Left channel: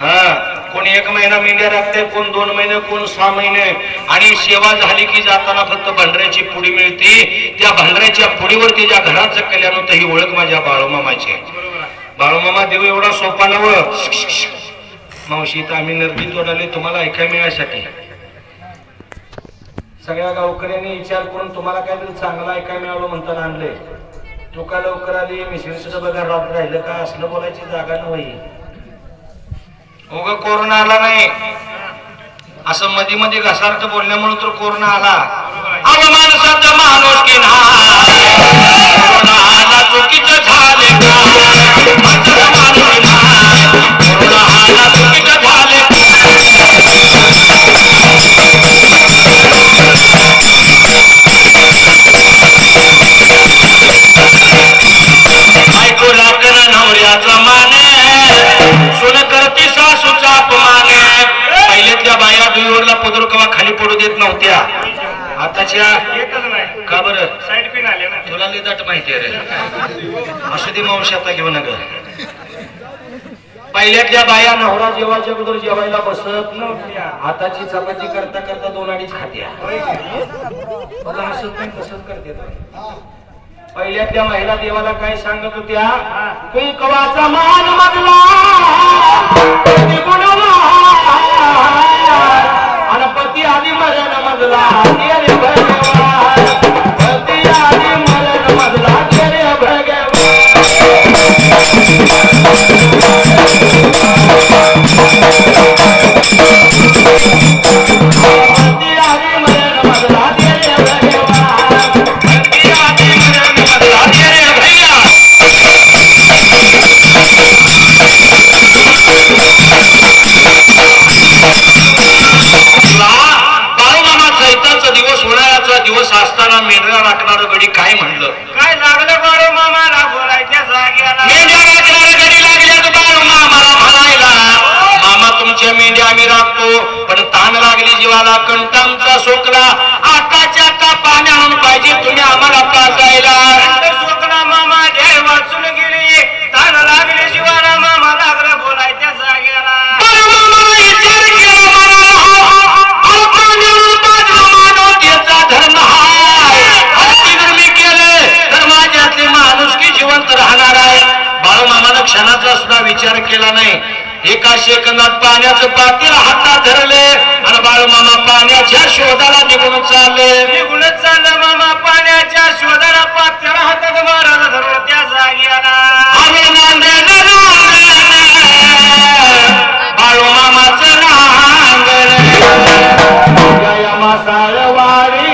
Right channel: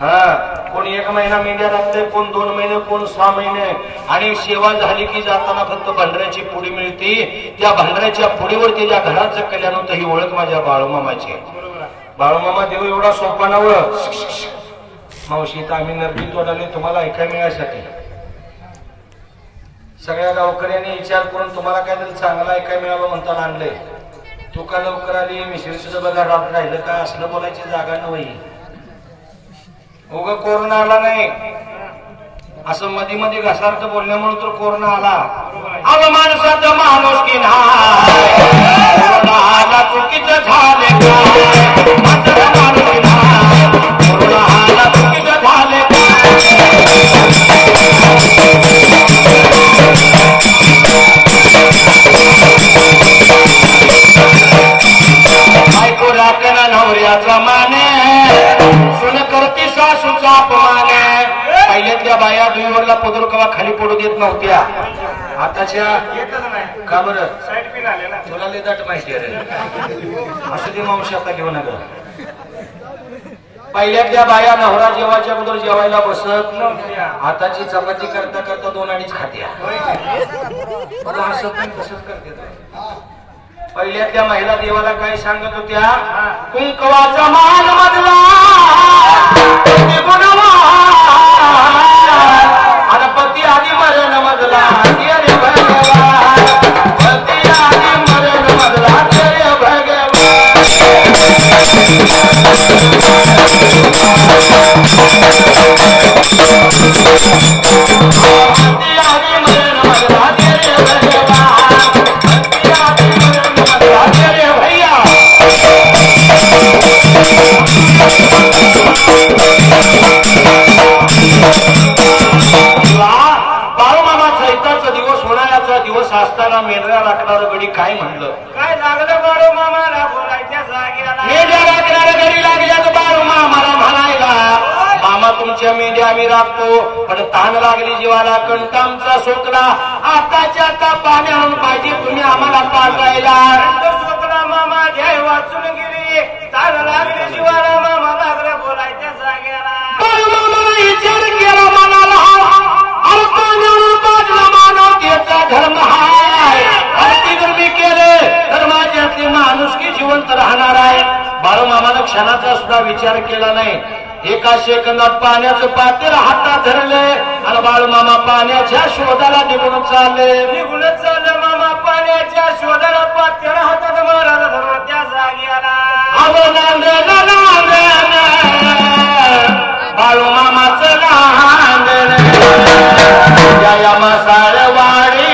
हा, कोण 1 महिना मेंढ्या राखते, कोण 2 महिने, कोण 6 महिने. आणि सेवा झाली की जाताना फक्त भांडऱ्याची पुडी मिळते. त्या भांडऱ्याच्या पुडीवर त्याच्या घराचं कल्याण होतं. ही ओळख माझ्या बाळूमामाची. बाळूमामा देव एवढा सोपा नव. मावशी तर आम्ही नरडी तोडाले तुम्हाला ऐकाय मिळायसाठी. सगळ्या गावकऱ्यांनी विचार करून तुम्हाला काहीतरी चांगला ऐकाय मिळालं म्हणता आणले. तू का लवकर आली, मिसळीचं बघा राहिलं का, असलं बोलायची जागा नव्हती. उगा कोरोना आला नाही असं मध्ये मध्ये घसार्थ बोलल्यामुळे तर कोरोना आला. अव माणसाचं माणूस की कोरोना आला चुकीचं झाले का, माणसाचं माणूस की कोरोना आला चुकीचं झाले का. ऐकू लागला नवऱ्याचा माने, सुन करती सासूचा अपमाने. पहिल्यातल्या बाया दुईवरला पदर कवा खाली पडू देत नव्हत्या. आताच्या का बरं साईड पिन आले ना, तुला लिदाट माहिती आहे रे. असं ती मावशी आता घेऊ नका. पहिल्यातल्या बाया नवरा जेवायच्या अगोदर जेवायला बसत नव्हत्या. हाताची चपाती करता करता 2-2 खात्या. मला असं नाही तसंच करते. पहिल्यातल्या महिला देवाला काय सांगत होत्या, कुंकवाचा मान मधला आणि पती आधी मरण मधला रे भगवान, पती आधी मरण मधला रे भगवान. दिवस असताना मेंढरा राखणार गडी काय म्हणलं, काय लागलं बाळू मामाला बोलायच्या जागेला. मेंढ्या राखणार गडी लागल्यात बाळू मामाला म्हणायला, मामा तुमच्या मेंढ्या आम्ही राखतो पण ताण लागली जीवाला, कंटामचा सोकला आताच्या आता पाणी आणून पाहिजे तुम्ही आम्हाला का जायला. सोकला मामा देव वाचून गेली, ताण लागली जीवाला, मामा लागलं बोलायच्या जागेला. बाळू मामाला विचार केला मनाला, धर्म हाय, आरती जर मी केले तर माझ्यातले माणुसकी जिवंत राहणार आहे. बाळूमामानं क्षणाचा सुद्धा विचार केला नाही. एका सेकंदात पाण्याचं पातेल हातात धरले आणि बाळूमामा पाण्याच्या शोधाला निघून चालले. मामा पाण्याच्या शोधाला पातेल हातात मारायला धरलं त्या जागेला. बाळूमामाचं नांगण मासाळवाडी